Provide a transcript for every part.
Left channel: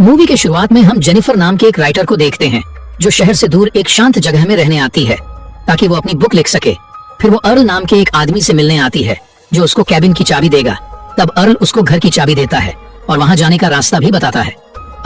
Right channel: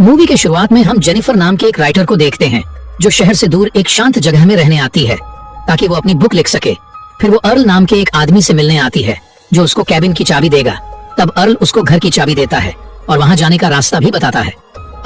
Movie के शुरुआत में हम जेनिफर नाम के एक राइटर को देखते हैं जो शहर से दूर एक शांत जगह में रहने आती है ताकि वो अपनी बुक लिख सके। फिर वो अर्ल नाम के एक आदमी से मिलने आती है जो उसको कैबिन की चाबी देगा। तब अर्ल उसको घर की चाबी देता है और वहाँ जाने का रास्ता भी बताता है।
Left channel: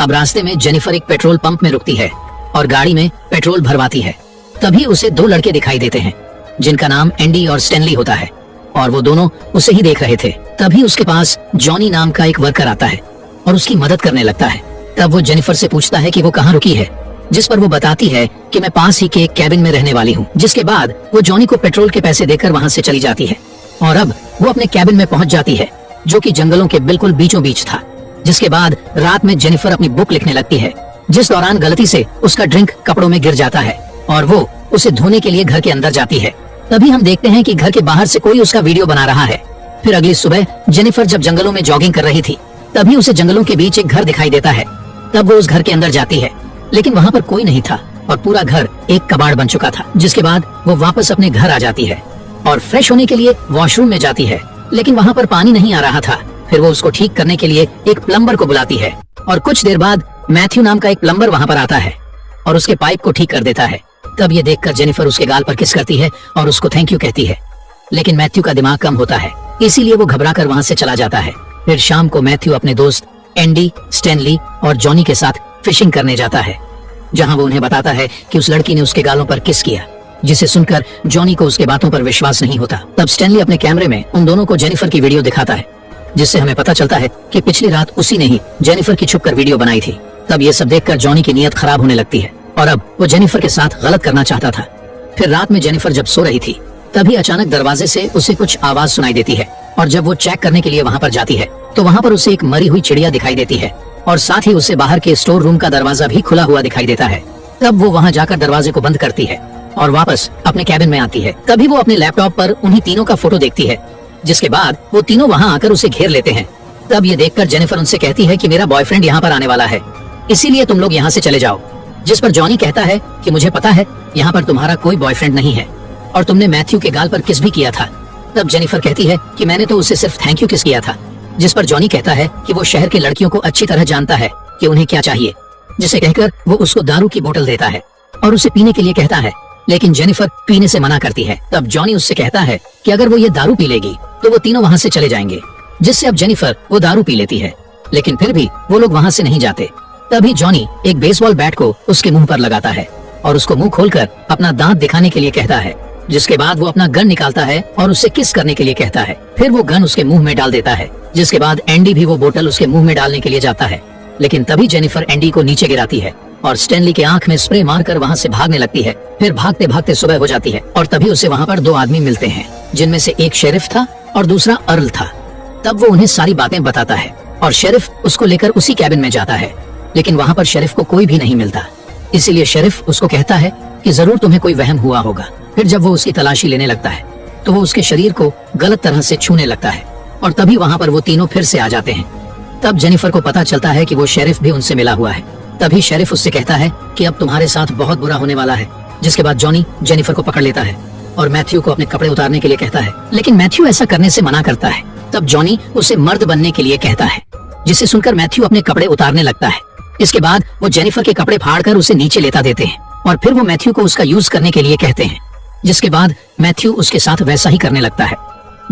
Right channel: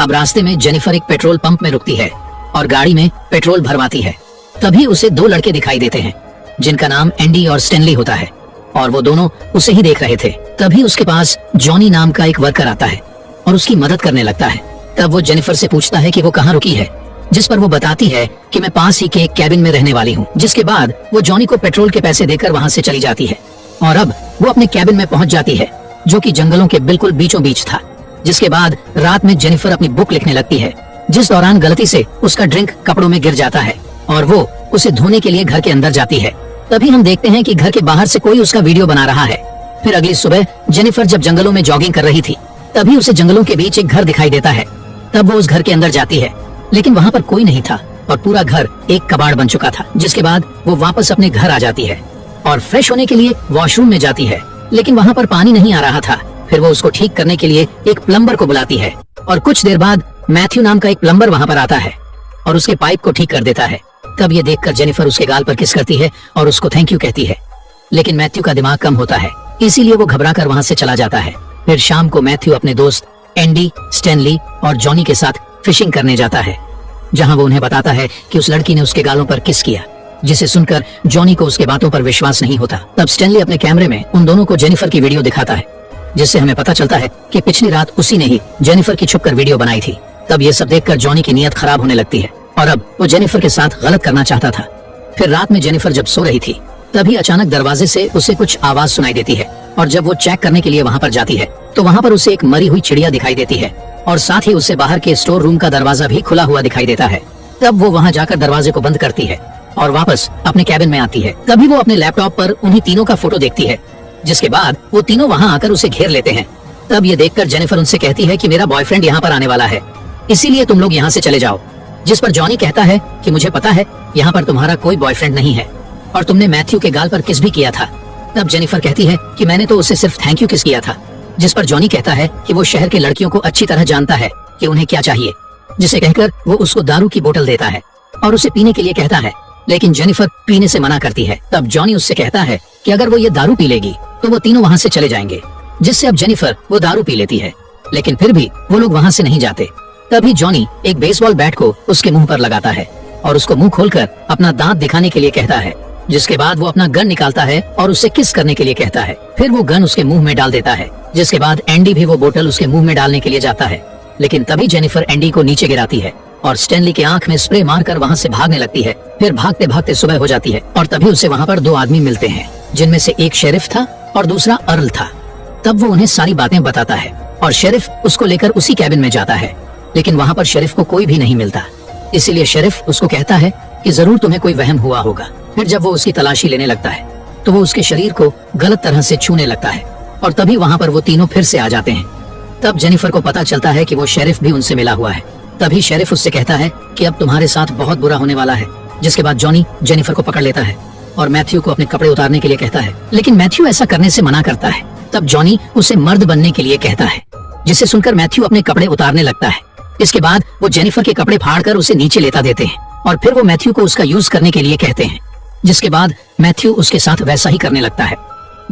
अब रास्ते में जेनिफर एक पेट्रोल पंप में रुकती है और गाड़ी में पेट्रोल भरवाती है। तभी उसे दो लड़के दिखाई देते हैं जिनका नाम एंडी और स्टैनली होता है और वो दोनों उसे ही देख रहे थे। तभी उसके पास जॉनी नाम का एक वर्कर आता है और उसकी मदद करने लगता है। तब वो जेनिफर से पूछता है कि वो कहाँ रुकी है, जिस पर वो बताती है कि मैं पास ही के एक कैबिन में रहने वाली हूँ। जिसके बाद वो जॉनी को पेट्रोल के पैसे देकर वहाँ से चली जाती है और अब वो अपने कैबिन में पहुँच जाती है जो कि जंगलों के बिल्कुल बीचों बीच था। जिसके बाद रात में जेनिफर अपनी बुक लिखने लगती है, जिस दौरान गलती से उसका ड्रिंक कपड़ों में गिर जाता है और वो उसे धोने के लिए घर के अंदर जाती है। तभी हम देखते हैं कि घर के बाहर से कोई उसका वीडियो बना रहा है। फिर अगली सुबह जेनिफर जब जंगलों में जॉगिंग कर रही थी तभी उसे जंगलों के बीच एक घर दिखाई देता है। तब वो उस घर के अंदर जाती है लेकिन वहाँ पर कोई नहीं था और पूरा घर एक कबाड़ बन चुका था। जिसके बाद वो वापस अपने घर आ जाती है और फ्रेश होने के लिए वॉशरूम में जाती है लेकिन वहाँ पर पानी नहीं आ रहा था। फिर वो उसको ठीक करने के लिए एक प्लम्बर को बुलाती है और कुछ देर बाद मैथ्यू नाम का एक प्लम्बर वहाँ पर आता है और उसके पाइप को ठीक कर देता है। तब ये देखकर जेनिफर उसके गाल पर किस करती है और उसको थैंक यू कहती है। लेकिन मैथ्यू का दिमाग कम होता है इसीलिए वो घबराकर वहाँ से चला जाता है। फिर शाम को मैथ्यू अपने दोस्त एंडी, स्टैनली और जॉनी के साथ फिशिंग करने जाता है जहाँ वो उन्हें बताता है कि उस लड़की ने उसके गालों पर किस किया, जिसे सुनकर जॉनी को उसकी बातों पर विश्वास नहीं होता। तब स्टैनली अपने कैमरे में उन दोनों को जेनिफर की वीडियो दिखाता है जिससे हमें पता चलता है कि पिछली रात उसी ने ही जेनिफर की छुपकर वीडियो बनाई थी। तब ये सब देखकर जॉनी की नीयत खराब होने लगती है और अब वो जेनिफर के साथ गलत करना चाहता था। फिर रात में जेनिफर जब सो रही थी तभी अचानक दरवाजे से उसे कुछ आवाज सुनाई देती है और जब वो चेक करने के लिए वहाँ पर जाती है तो वहाँ पर उसे एक मरी हुई चिड़िया दिखाई देती है और साथ ही उसे बाहर के स्टोर रूम का दरवाजा भी खुला हुआ दिखाई देता है। तब वो वहाँ जाकर दरवाजे को बंद करती है और वापस अपने कैबिन में आती है। तभी वो अपने लैपटॉप पर उन्हीं तीनों का फोटो देखती है। जिसके बाद वो तीनों वहाँ आकर उसे घेर लेते हैं। तब ये देखकर जेनिफर उनसे कहती है कि मेरा बॉयफ्रेंड यहाँ पर आने वाला है, इसीलिए तुम लोग यहाँ से चले जाओ। जिस पर जॉनी कहता है कि मुझे पता है यहाँ पर तुम्हारा कोई बॉयफ्रेंड नहीं है और तुमने मैथ्यू के गाल पर किस भी किया था। तब जेनिफर कहती है कि मैंने तो उसे सिर्फ थैंक यू किस किया था। जिस पर जॉनी कहता है कि वो शहर के लड़कियों को अच्छी तरह जानता है कि उन्हें क्या चाहिए, जिसे कहकर वो उसको दारू की बोतल देता है और उसे पीने के लिए कहता है। लेकिन जेनिफर पीने से मना करती है। तब जॉनी उससे कहता है कि अगर वो ये दारू पी लेगी तो वो तीनों वहाँ से चले जाएंगे, जिससे अब जेनिफर वो दारू पी लेती है। लेकिन फिर भी वो लोग वहाँ से नहीं जाते। तभी जॉनी एक बेसबॉल बैट को उसके मुंह पर लगाता है और उसको मुंह खोलकर अपना दांत दिखाने के लिए कहता है। जिसके बाद वो अपना गन निकालता है और उससे किस करने के लिए कहता है। फिर वो गन उसके मुंह में डाल देता है। जिसके बाद एंडी भी वो बोतल उसके मुंह में डालने के लिए जाता है लेकिन तभी जेनिफर एंडी को नीचे गिराती है और स्टैनली के आंख में स्प्रे मारकर वहाँ से भागने लगती है। फिर भागते भागते सुबह हो जाती है और तभी उसे वहाँ पर दो आदमी मिलते हैं जिनमें से एक शेरिफ था और दूसरा अर्ल था। तब वो उन्हें सारी बातें बताता है और शेरिफ उसको लेकर उसी कैबिन में जाता है लेकिन वहाँ पर शेरिफ को कोई भी नहीं मिलता। इसीलिए शेरिफ उसको कहता है कि जरूर तुम्हें कोई वहम हुआ होगा। फिर जब वो उसकी तलाशी लेने लगता है तो वो उसके शरीर को गलत तरह से छूने लगता है और तभी वहाँ पर वो तीनों फिर से आ जाते हैं। तब जेनिफर को पता चलता है कि वो शेरिफ भी उनसे मिला हुआ है। तभी शेरिफ उससे कहता है कि अब तुम्हारे साथ बहुत बुरा होने वाला है। जिसके बाद जॉनी जेनिफर को पकड़ लेता है और मैथ्यू को अपने कपड़े उतारने के लिए कहता है लेकिन मैथ्यू ऐसा करने से मना करता है। तब जॉनी उसे मर्द बनने के लिए कहता है, जिसे सुनकर मैथ्यू अपने कपड़े उतारने लगता है। इसके बाद वो जेनिफर के कपड़े फाड़कर उसे नीचे लेता देते हैं और फिर वो मैथ्यू को उसका यूज करने के लिए कहते हैं। जिसके बाद मैथ्यू उसके साथ वैसा ही करने लगता है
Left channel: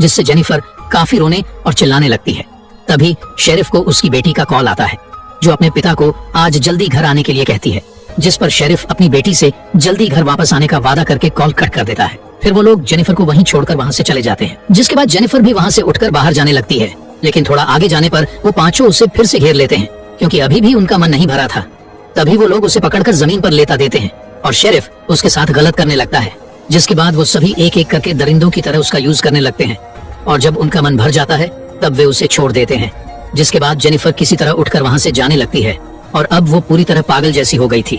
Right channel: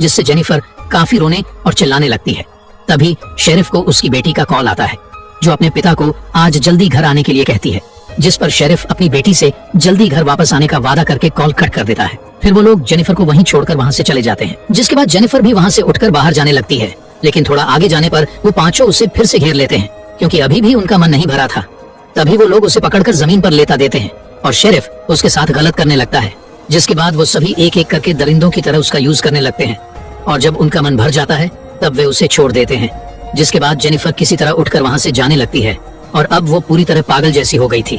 जिससे जेनिफर काफी रोने और चिल्लाने लगती है। तभी शेरिफ को उसकी बेटी का कॉल आता है जो अपने पिता को आज जल्दी घर आने के लिए कहती है। जिस पर शेरिफ अपनी बेटी से जल्दी घर वापस आने का वादा करके कॉल कट कर देता है। फिर वो लोग जेनिफर को वहीं छोड़कर वहाँ से चले जाते हैं। जिसके बाद जेनिफर भी वहाँ से उठकर बाहर जाने लगती है लेकिन थोड़ा आगे जाने पर वो पांचों उसे फिर से घेर लेते हैं क्योंकि अभी भी उनका मन नहीं भरा था। तभी वो लोग उसे पकड़कर जमीन पर लेटा देते हैं और शेरिफ उसके साथ गलत करने लगता है। जिसके बाद वो सभी एक एक करके दरिंदों की तरह उसका यूज करने लगते हैं और जब उनका मन भर जाता है तब वे उसे छोड़ देते हैं। जिसके बाद जेनिफर किसी तरह उठकर वहाँ से जाने लगती है और अब वो पूरी तरह पागल जैसी हो गई थी।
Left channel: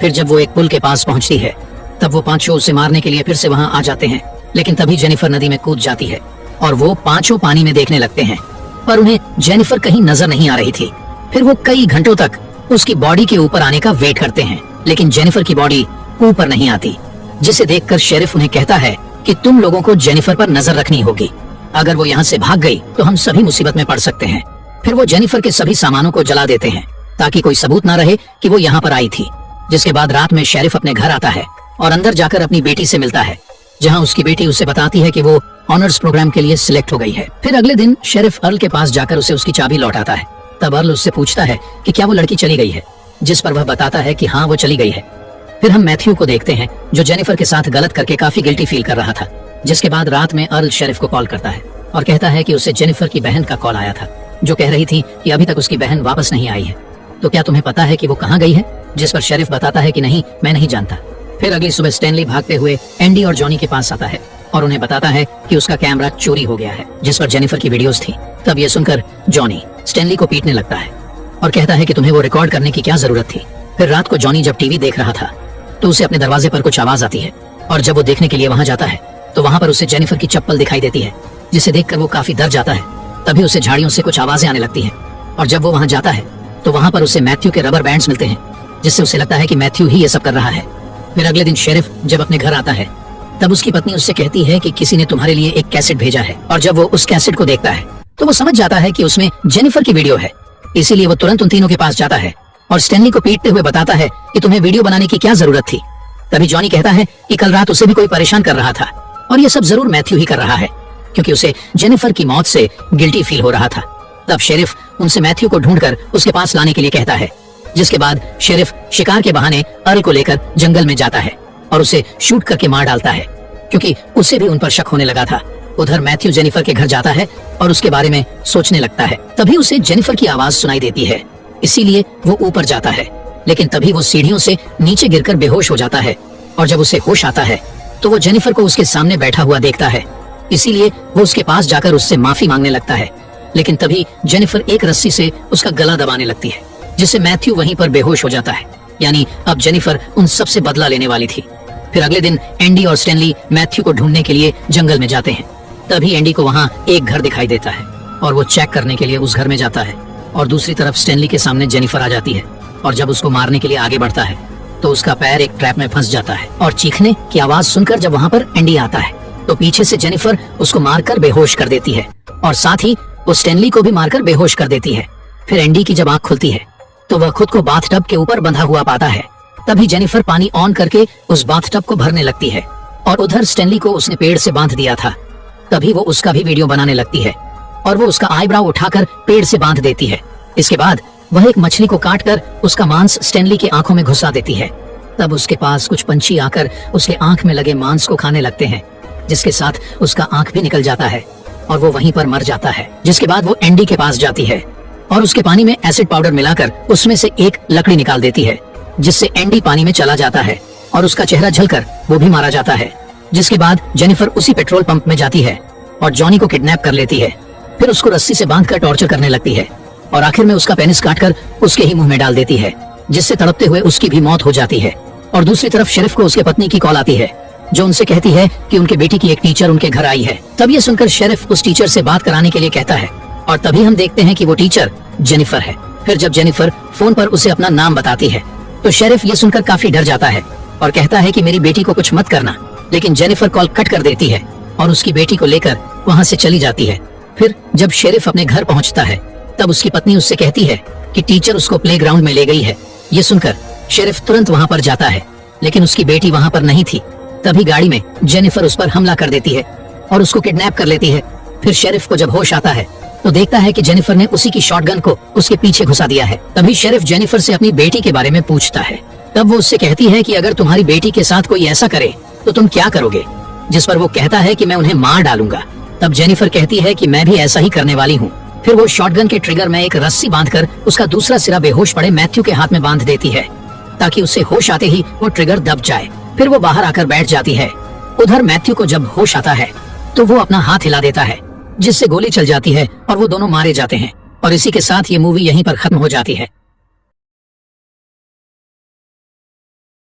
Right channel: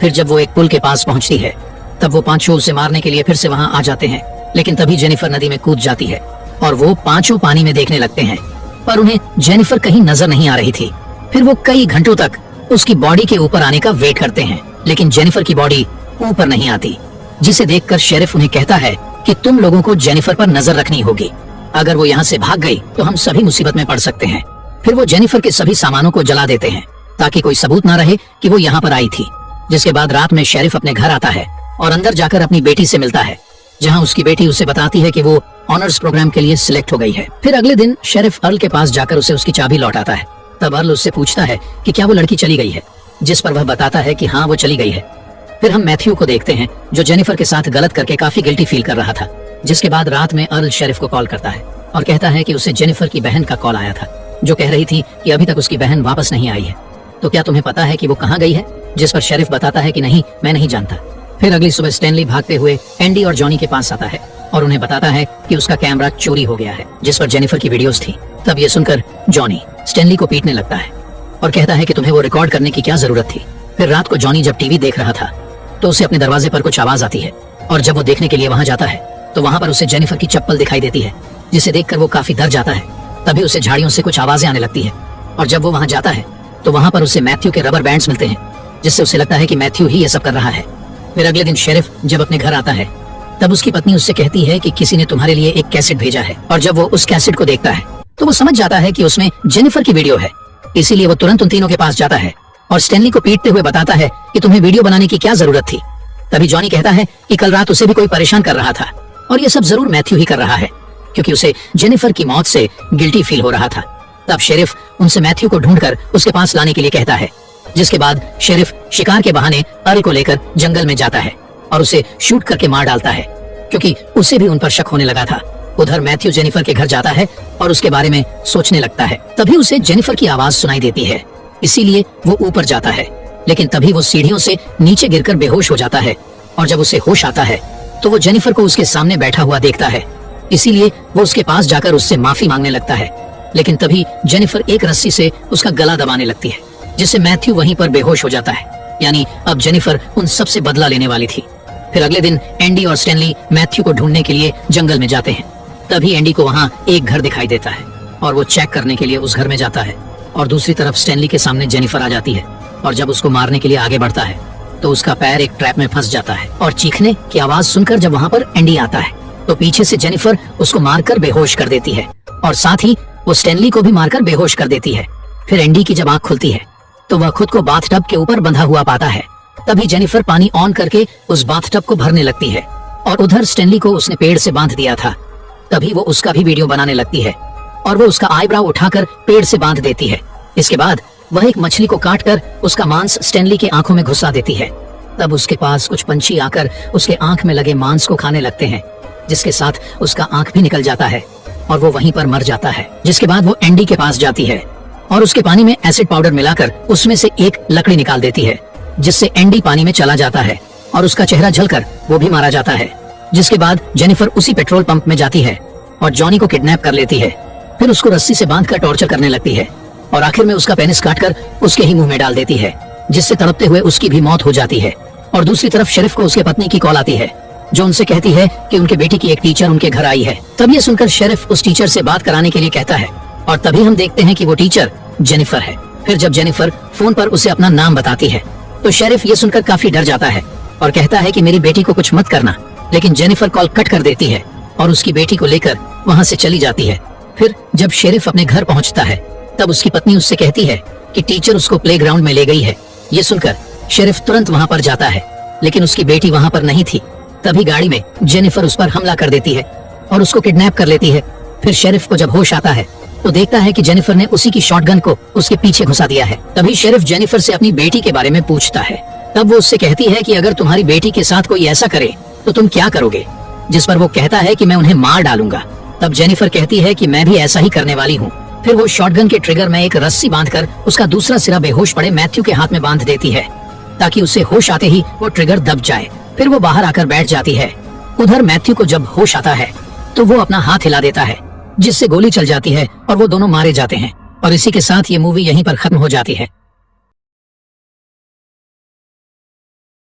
फिर जब वो एक पुल के पास पहुँचती है तब वो पांचों उसे मारने के लिए फिर से वहाँ आ जाते हैं लेकिन तभी जेनिफर नदी में कूद जाती है और वो पांचों पानी में देखने लगते हैं पर उन्हें जेनिफर कहीं नजर नहीं आ रही थी। फिर वो कई घंटों तक उसकी बॉडी के ऊपर आने का वेट करते हैं लेकिन जेनिफर की बॉडी ऊपर नहीं आती, जिसे देखकर शेरिफ उन्हें कहता है कि तुम लोगों को जेनिफर पर नजर रखनी होगी। अगर वो यहाँ से भाग गई तो हम सभी मुसीबत में पड़ सकते हैं। फिर वो जेनिफर के सभी सामानों को जला देते हैं ताकि कोई सबूत ना रहे कि वो यहाँ पर आई थी। जिसके बाद रात में शेरिफ अपने घर आता है और अंदर जाकर अपनी बेटी से मिलता है, जहाँ उसकी बेटी उसे बताती है कि वो ऑनर्स प्रोग्राम के लिए सिलेक्ट हो गई है। फिर अगले दिन शेरिफ अर्ल के पास जाकर उसे उसकी चाबी लौटाता है। तब अर्ल उससे पूछता है कि क्या वो लड़की चली गई है, जिस पर वह बताता है कि हाँ वो चली गई है। फिर हम मैथ्यू को देखते हैं जो जेनिफर के साथ गलत करके काफी गिल्टी फील कर रहा था। जिसके बाद रात में अर्ल शेरिफ को कॉल करता है और कहता है कि उसे जेनिफर की बहन का कॉल आया था, जो कह रही थी कि अभी तक उसकी बहन वापस नहीं आई है, तो क्या तुम्हें पता है कि वो कहाँ गई है? जिस पर शेरिफ बताता है कि नहीं, मैं नहीं जानता। फिर अगली सुबह स्टैनली भागते हुए एंडी और जॉनी के पास आता है और उन्हें बताता है कि उसका कैमरा चोरी हो गया है, जिस पर जेनिफर की वीडियोस थी। तब ये सुनकर जॉनी स्टैनली को पीटने लगता है और कहता है कि तुम्हें वो रिकॉर्ड करने की क्या जरूरत थी। फिर रात को जॉनी जब टीवी देख रहा था तो उसे अपने दरवाजे पर कुछ आवाज आती है और जब वो देखने के लिए वहां जाता है तो वहां पर उसे जेनिफर की चप्पल दिखाई देती है, जिसे देखकर वो काफी डर जाता है। तभी उसे झाड़ियों से कुछ आवाजें आने लगती हैं और जब वो वहां जाता है तो वहां पर उसे मैथ्यू के रबर बैंड्स मिलते हैं, जिससे उसे लगता है कि मैथ्यू ही ये सब कर रहा है। फिर अगले दिन शेरिफ जब अपने घर आता है तब उसकी पत्नी उससे कहती है कि किसी ने तुम्हारे लिए एक कैसेट भेजा है, और जब वो उस कैसेट को देखता है तो वो समझ जाता है कि उसमें जेनिफर की वीडियो है। इसीलिए वो तुरंत उन तीनों के पास जाता है और स्टैनली को पीटते हुए बताता है कि तुम्हें वीडियो बनाने की क्या जरूरत थी। तभी जॉनी कहता है कि कल रात उसे भी कोई परेशान कर रहा था और ये सब जरूर मैथ्यू ही कर रहा है, क्योंकि उसे जेनिफर की मौत से गिल्टी फील हो रहा था। तब शेरिफ उनसे मैथ्यू को ढूंढकर उसके पास लाने के लिए कहता है। जिसके बाद शेरिफ शिकार के बहाने अर्ल को लेकर जंगल में जाता है और उसे शूट करके मार डालता है, क्योंकि उसे भी उन पर शक होने लगा था। उधर मैथ्यू जेनिफर के घर जाता है और उसके बारे में सोचने लगता है। तभी उसे जेनिफर की आवाज सुनाई देती है, इसीलिए वो ऊपर जाता है, लेकिन तभी वो सीढ़ियों से नीचे गिरकर बेहोश हो जाता है। और जब उसे होश आता है तो वो जेनिफर को उसके सामने बैठा हुआ देखता है, इसीलिए वो उसके पास जाकर उससे माफी मांगने लगता है। लेकिन तभी जेनिफर एक रस्सी से उसका गला दबाने लगती है, जिससे मैथ्यू वहीं पर बेहोश हो जाता है। यानी अब जेनिफर उन सब से बदला लेने वाली थी। फिर अगले दिन एंडी और स्टैनली मैथ्यू को ढूंढने के लिए जंगल में जाते हैं। तभी एंडी को वहाँ एक घर दिखाई देता है और वो चेक करने के लिए उस घर में जाता है, और दूसरी तरफ स्टैनली के सामने जेनिफर आ जाती है और जब उसको मारने के लिए आगे बढ़ता है तो उसका पैर एक ट्रैप में फंस जाता है। और चीखने की आवाज सुनकर जब वहाँ पर एंडी आता है तो पीछे से जेनिफर उसको मारकर बेहोश कर देती है और साथ ही वो स्टैनली को भी मारकर बेहोश कर देती है। फिर एंडी की जब आंख खुलती है तो वह खुद को बाथटब के ऊपर बंधा हुआ पाता है। तभी जेनिफर पानी ऑन करके उस बाथटब को भरने लगती है और उधर स्टैनली को उसने पेड़ से बांध दिया था। तभी वो उसका भी वीडियो बनाने लगती है और वो उसका आईब्राउ उठाकर पेड़ से बांध देती है। इसके बाद वह एक मछली को काटकर उसका मांस स्टैनली की आंखों में घुसा देती है। तब उसके पास कुछ पंछी आकर उसके आंख में लगे मांस को खाने लगते हैं, जिसके साथ उसका आंख भी निकल जाता है और वो वहीं पर मर जाता है। जिसके बाद वो एंडी के पास जाती है और उसके पानी में एसिड पाउडर मिलाकर उसमें से एक लकड़ी निकाल देती है, जिससे एंडी पानी में चला जाता है और उसका चेहरा जलकर वो भी मारा जाता है। जिसके बाद जेनिफर उसी पेट्रोल पंप में जाती है और जॉनी को किडनैप कर लेती है। फिर उसको रस्सी से बांधकर टॉर्चर करने लगती है और आखिर में उसका पेनिस काटकर उसके ही मुंह में डाल देती है, जिससे तड़पते हुए उसकी भी मौत हो जाती है। और दूसरी तरफ शेरिफ को उसके पत्नी की कॉल आती है, जो उनसे कहती है कि उनके बेटी की एक टीचर उनके घर आई है। तब ये सुनकर शेरिफ उस टीचर से बात कराने के लिए कहता है और तभी हम देखते हैं कि वो टीचर जेनिफर है। फिर जब जेनिफर फोन पर उसे अपना नाम बताती है तो शेरिफ ये सुनकर काफी डर जाता है और कहता है कि मेरी बेटी को कुछ मत करना। लेकिन जेनिफर कॉल कट कर देती है और उसकी बेटी को लेकर वहाँ से चली जाती है। फिर जब शेरिफ अपने घर पहुँचता है तब उसकी पत्नी उससे कहती है कि टीचर उसको प्लेग्राउंड में ले गई है। ये सुनकर शेरिफ तुरंत वहाँ पर जाता है, लेकिन उसकी बेटी वहाँ पर नहीं थी। तभी गाड़ी में जेनिफर उस पर हमला कर देती है और उसको किडनैप कर लेती है। फिर शेरिफ को जब होश आता है तो देखता है कि जेनिफर ने उसी की शॉटगन को उसके पीछे घुसा दिया है। तभी शेरिफ जेनिफर से अपनी बेटी के बारे में पूछता है। तब वो उससे कहती है कि अगर तुम्हारी बेटी के साथ कोई ऐसा करे तो तुम क्या करोगे, जिस पर वो कहता है कि मैं उन्हें मार डालूंगा। तब जेनिफर कहती है कि मैं भी ऐसा ही करने वाली हूँ। फिर वो शॉटगन के ट्रिगर में एक रस्सी बांधकर उसका दूसरा सिरा बेहोश पड़े मैथ्यू के हाथ में बांध देती है, ताकि उसे होश आते ही वो ट्रिगर दब जाए। फिर वो बाहर आकर बैठ जाती है। उधर मैथ्यू को जब होश आता है तो वो अपना हाथ हिला देता है, जिससे गोली चल जाती है और वो दोनों मारे जाते हैं। और इसी के साथ ये मूवी यहीं पर खत्म हो जाती है।